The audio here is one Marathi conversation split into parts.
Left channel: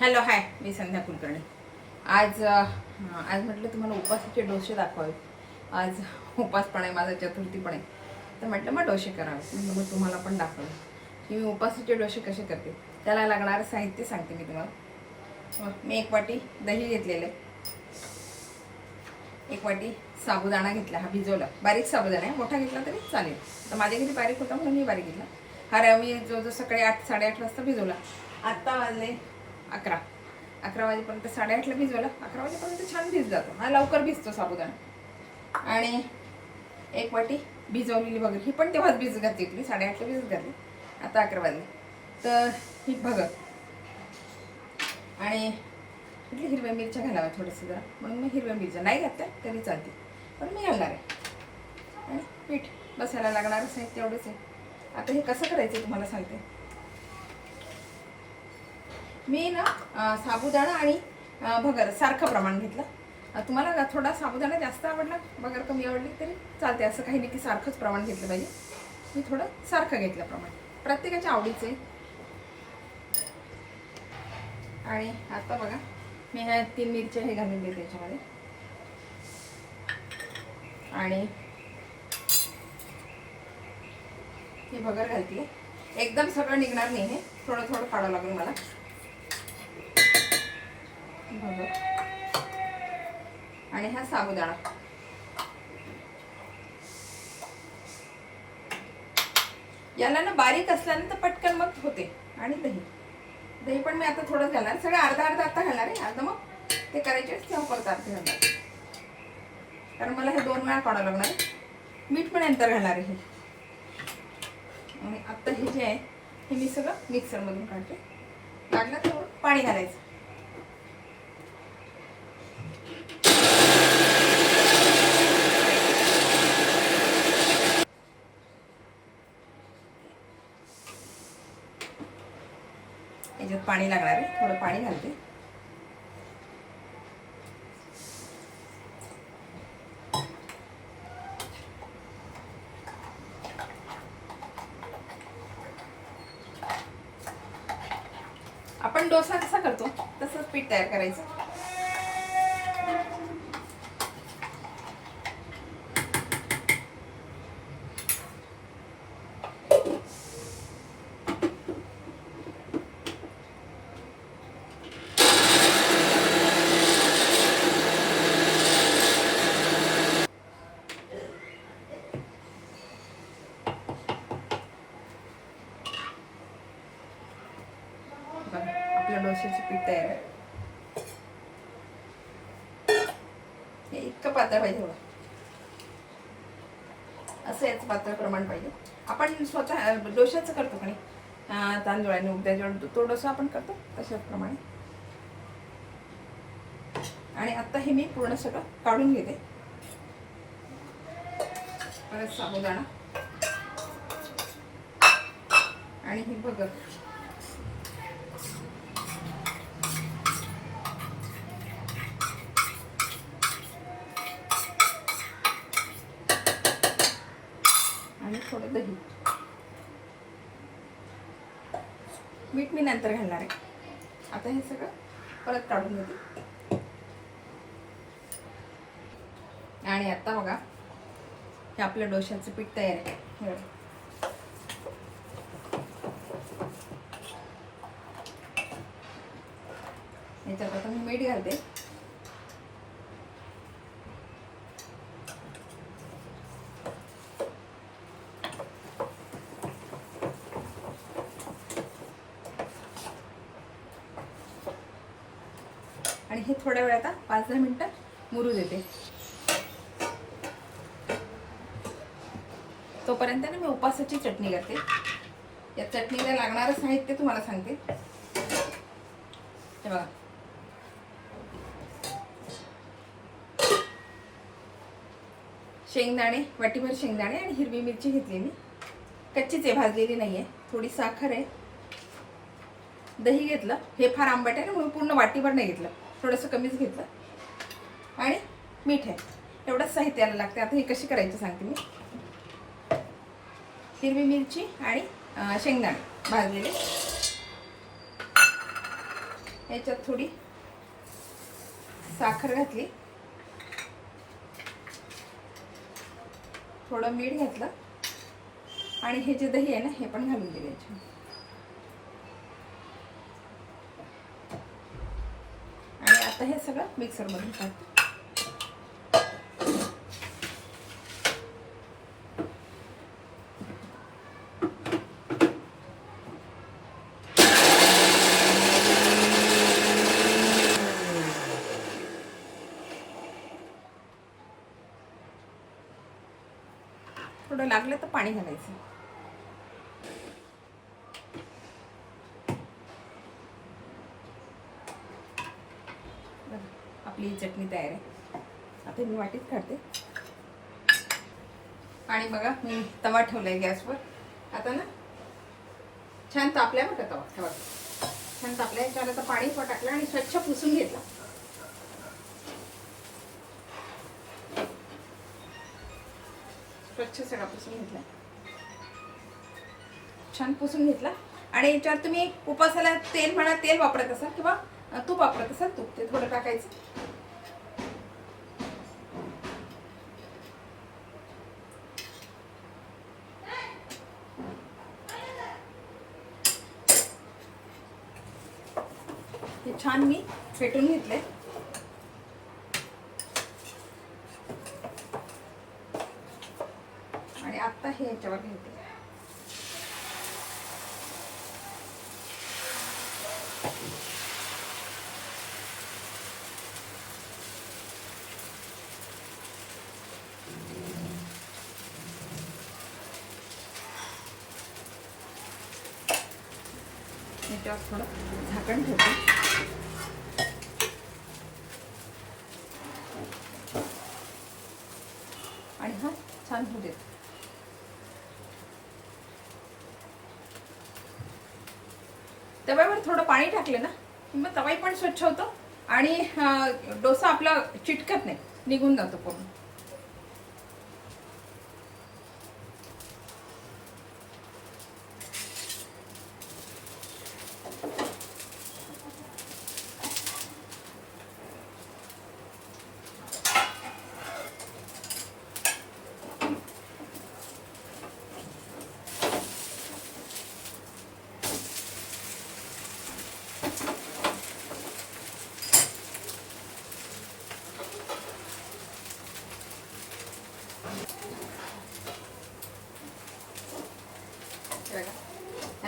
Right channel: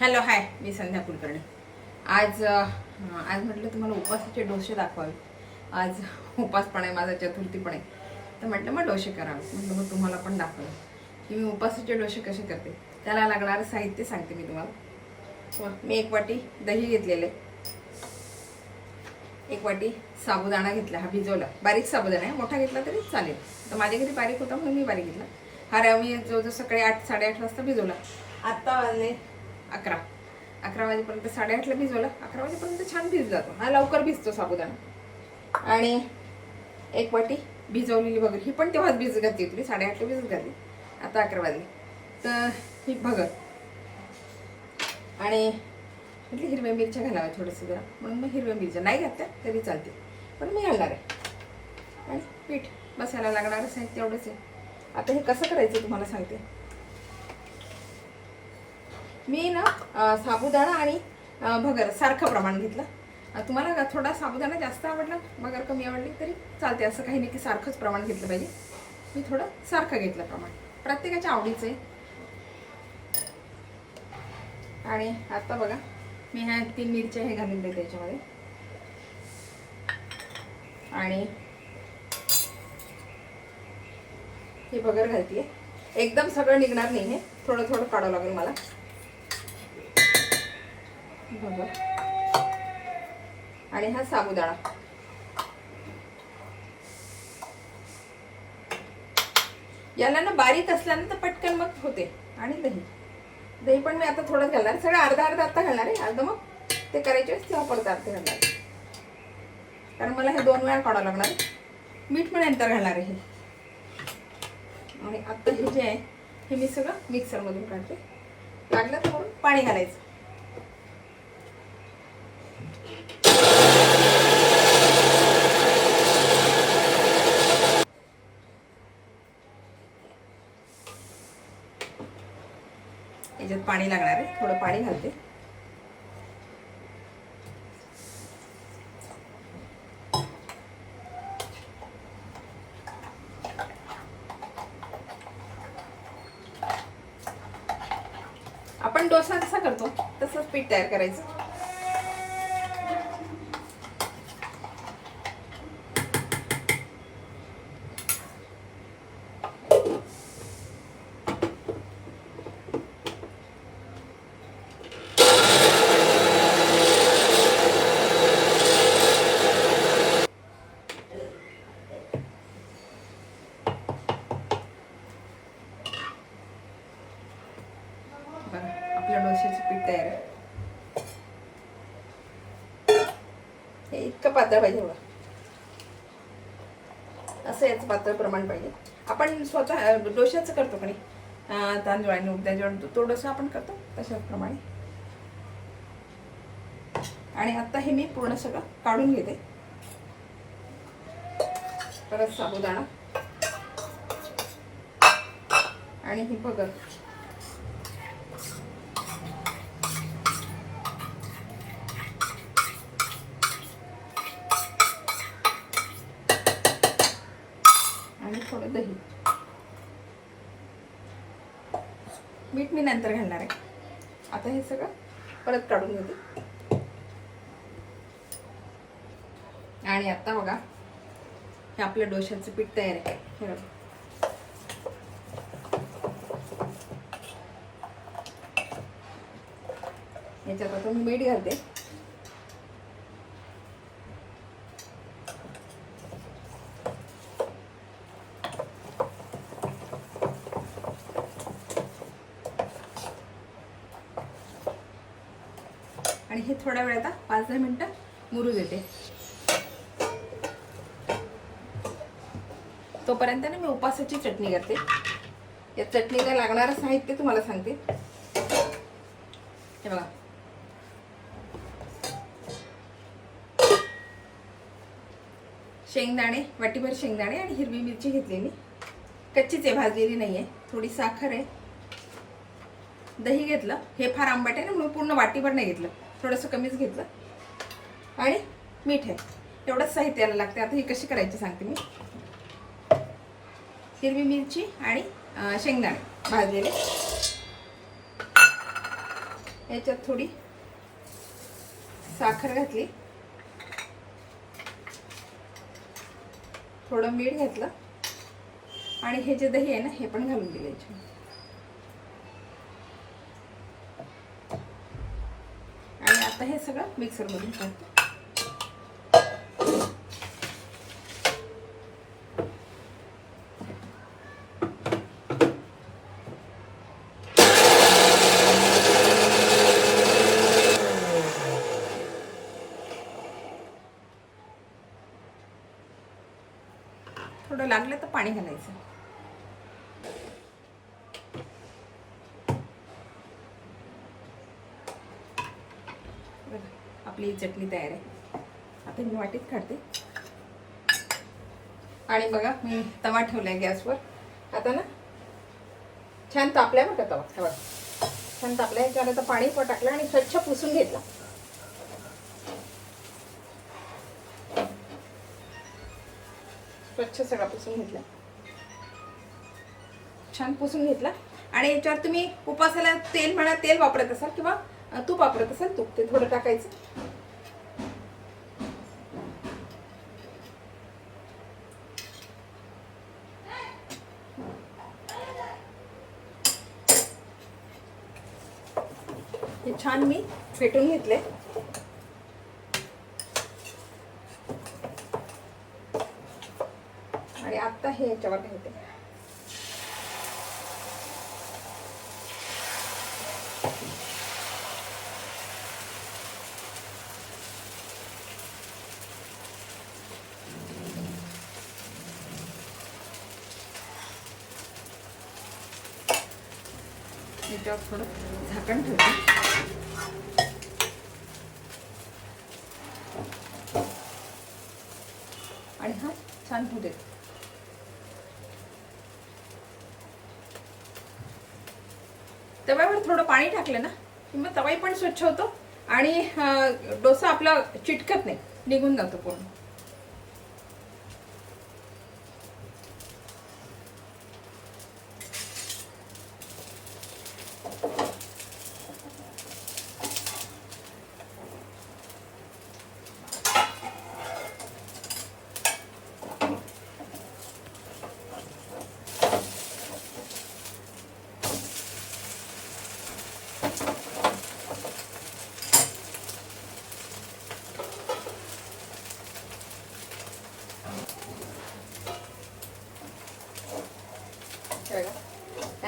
हॅलो हाय, मी संध्या कुलकर्णी. आज म्हटलं तुम्हाला उपासाचे डोसे दाखवावे. आज उपास पण आहे माझा, चतुर्थी पण आहे, तर म्हटलं मग डोसे करावे. म्हटलं मग तुम्हाला पण दाखवलं की मी उपासाचे डोसे कसे करते. त्याला लागणारं साहित्य सांगते मी तुम्हाला. मी 1 वाटी दही घेतलेले, 1 वाटी साबुदाणा घेतला, हा भिजवला. बारीक साबुदाणा आहे, मोठा घेतला तरी चालेल. तर माझ्या घरी बारीक होता म्हणून मी बारीक घेतला. हा मी जो सकाळी 8-8:30 वाजता भिजवला. आत्ता वाजले 11 वाजेपर्यंत, 8:30ला भिजवला. 11 वाजेपर्यंत छान भिजला जातो हा, लवकर भिजतो साबुदाणा. आणि 1 वाटी भिजवलेली भगर, ही पण तेव्हाच भिजत घातली होती, 8:30ला भिजत घातली. आता 11 वाजले. तर ही भगर आणि म्हटली हिरव्या मिरच्या घालाव्या थोडंसं जरा, म्हणून मग हिरव्या मिरच्या नाही घातल्या तरी चालते, पण मी घालणार आहे. आणि पीठ बसायला लागणारं साहित्य एवढंच आहे. आता हे कसं करायचं तुम्हाला सांगते मी ना. साबुदाणा आणि भगर सारखं प्रमाण घेतलं. तुम्हाला थोडा साबुदाणा जास्त आवडला, भगर कमी आवडली तरी चालते, असं काही नाही की सारखंच प्रमाण घेतलं पाहिजे. मी थोडं सारखं घेतलं प्रमाण, प्रत्येकाच्या आवडीचं आहे. आणि आता बघा, मी ह्या 3 मिरच्या हे घालून देते त्याच्यामध्ये. आणि हे भगर घालते. एकदम सगळं निघणार नाही, हे थोडं थोडं काढावं लागेल मला. भगर आणि हा साबुदाणा. याला ना बारीक असल्यानंतर पटकन मग होते. आणि दही पण मी आता थोडंच घालणार, सगळं अर्धा अर्धा आता घालणार आहे. अर्धा मग ते करायचे तेव्हा परत अर्धे घालणार, कारण मला हे 2 वेळा काढावं लागणार. मीठ पण नंतर घालणार आहे. आणि आता हे जे आहे हे मी सगळं मिक्सरमधून काढते. लागलं तर पाणी घालायचं. याच्यात पाणी लागणार आहे, थोडं पाणी घालते. आपण डोसा कसा करतो तसंच पीठ तयार करायचं. आपलं डोश्याचं पीठ तयार आहे. हे इतकं पातळ पाहिजे बघा, असं याचं पातळ प्रमाण पाहिजे. आपण स्वतः डोश्याचं करतो का नाही, तांदूळ उडदाची, तो डोसा आपण करतो तशाच प्रमाणे. आणि आता हे मी पूर्ण सगळं काढून घेते. परत साबुदाणा आणि ही भगर. आणि थोडं दही. मीठ मी नंतर घालणार आहे. आता हे सगळं परत काढून घेते. आणि आता बघा, हे आपलं डोश्याचं पीठ तयार आहे. याच्यात आता मी मीठ घालते. आणि हे थोड्या वेळ आता 5-10 मिनिटं मुरू देते. तोपर्यंत ना मी उपासाची चटणी करते. या चटणीला लागणारं साहित्य तुम्हाला सांगते. हे बघा, शेंगदाणे, वाटीभर शेंगदाणे आणि हिरवी मिरची घेतलेली, कच्चीच आहे, भाजलेली नाही आहे. थोडी साखर आहे, दही घेतलं. हे फार आंबट आहे ना म्हणून पूर्ण वाटीभर नाही घेतलं, थोडंसं कमीच घेतलं. आणि मीठ आहे. एवढंच साहित्याला लागते. आता ही कशी करायची सांगते मी. हिरवी मिरची आणि शेंगदाणे भाजलेले, याच्यात थोडी साखर घातली, थोडं मीठ घातलं आणि हे जे दही आहे ना हे पण घालून दिलं याच्यात. आणि आता हे सगळं मिक्सरमध्ये टाकतो. थोडं लागलं तर पाणी घालायचं. आपली चटणी तयार आहे. आता मी वाटीत काढते. आणि बघा मी तवा ठेवलाय गॅसवर. आता ना छान तापलाय बघा तवा. हवा छान तापलाय. त्याला आता पाणी पण टाकलं आणि स्वच्छ पुसून घेतला. स्वच्छ सगळा पुसून घेतला, छान पुसून घेतला. आणि याच्यावर तुम्ही उपासाला तेल म्हणा, तेल वापरत असाल किंवा तूप वापरत असाल, तूप ते थोडं टाकायचं. हे छान मी फेटून घेतले. आणि आता हे याच्यावर घालते. याच्यावर थोडं झाकण ठेवते. आणि हा छान होऊ देते. तव्यावर थोडं पाणी टाकलं ना की मग तवाही पण स्वच्छ होतो आणि डोसा आपला चिटकत नाही, निघून जातो पूर्ण.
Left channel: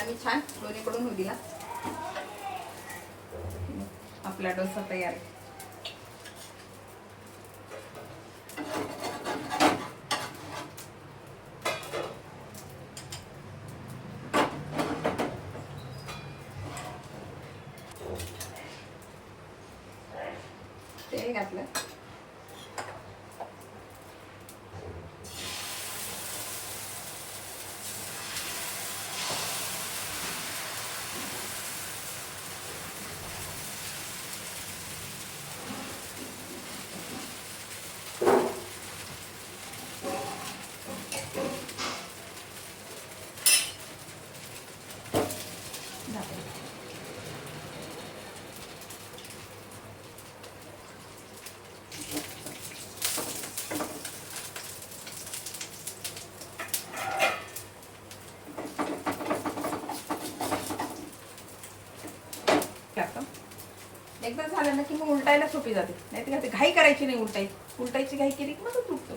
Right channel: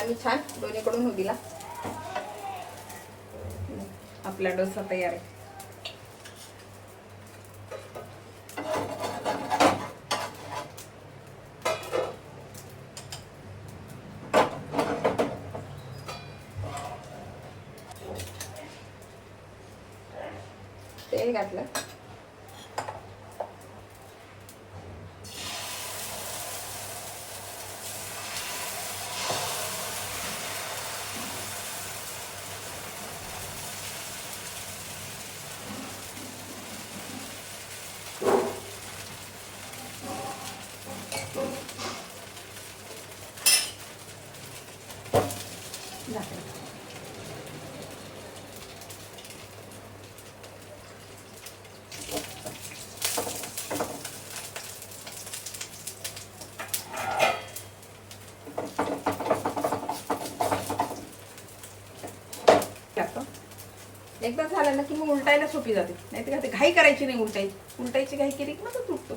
आम्ही छान दोन्हीकडून होऊ दिला. आपला डोसा तयार आहे. तेल घातलं. एकदा झालं ना की मग उलटायला सोपी जाते. नाही तर घाई करायची नाही. उलटायची घाई केली की मग तो तुटतो.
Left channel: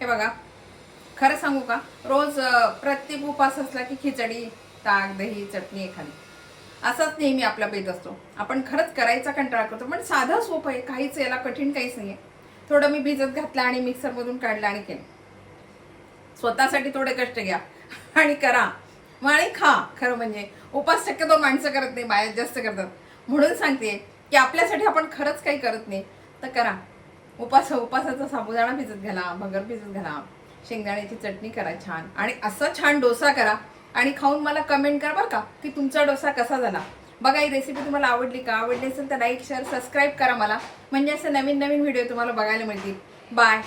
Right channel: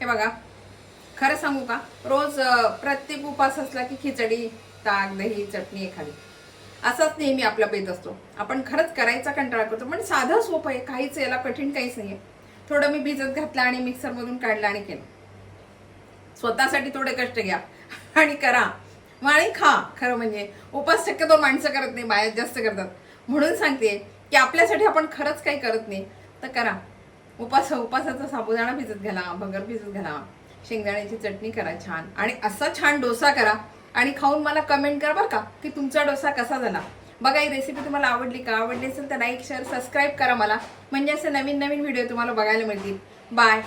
हे बघा, खरं सांगू का, रोज प्रत्येक उपास असला की खिचडी, ताक, दही, चटणी एखादी असाच नेहमी आपला पेत असतो. आपण खरंच करायचा कंटाळा करतो, पण साधं सोपं आहे. काहीच याला कठीण काहीच नाहीये. थोडं मी भिजत घातलं आणि मिक्सर मधून काढलं आणि केलं. स्वतःसाठी थोडे कष्ट घ्या आणि करा आणि खा. खरं म्हणजे उपास शक्यतो माणसं करत नाही, बाया जास्त करतात. म्हणून सांगते की आपल्यासाठी आपण खरंच काही करत नाही तर करा. उपासाचा साबुदाणा भिजत घाला, भगर भिजत घाला, शेंगदाण्याची चटणी करा छान, आणि असा छान डोसा करा आणि खाऊन मला कमेंट करा बरं का की तुमचा डोसा कसा झाला. बघा ही रेसिपी तुम्हाला आवडली का? आवडली असेल तर लाईक शेअर सबस्क्राईब करा मला, म्हणजे असे नवीन नवीन व्हिडिओ तुम्हाला बघायला मिळतील. बाय.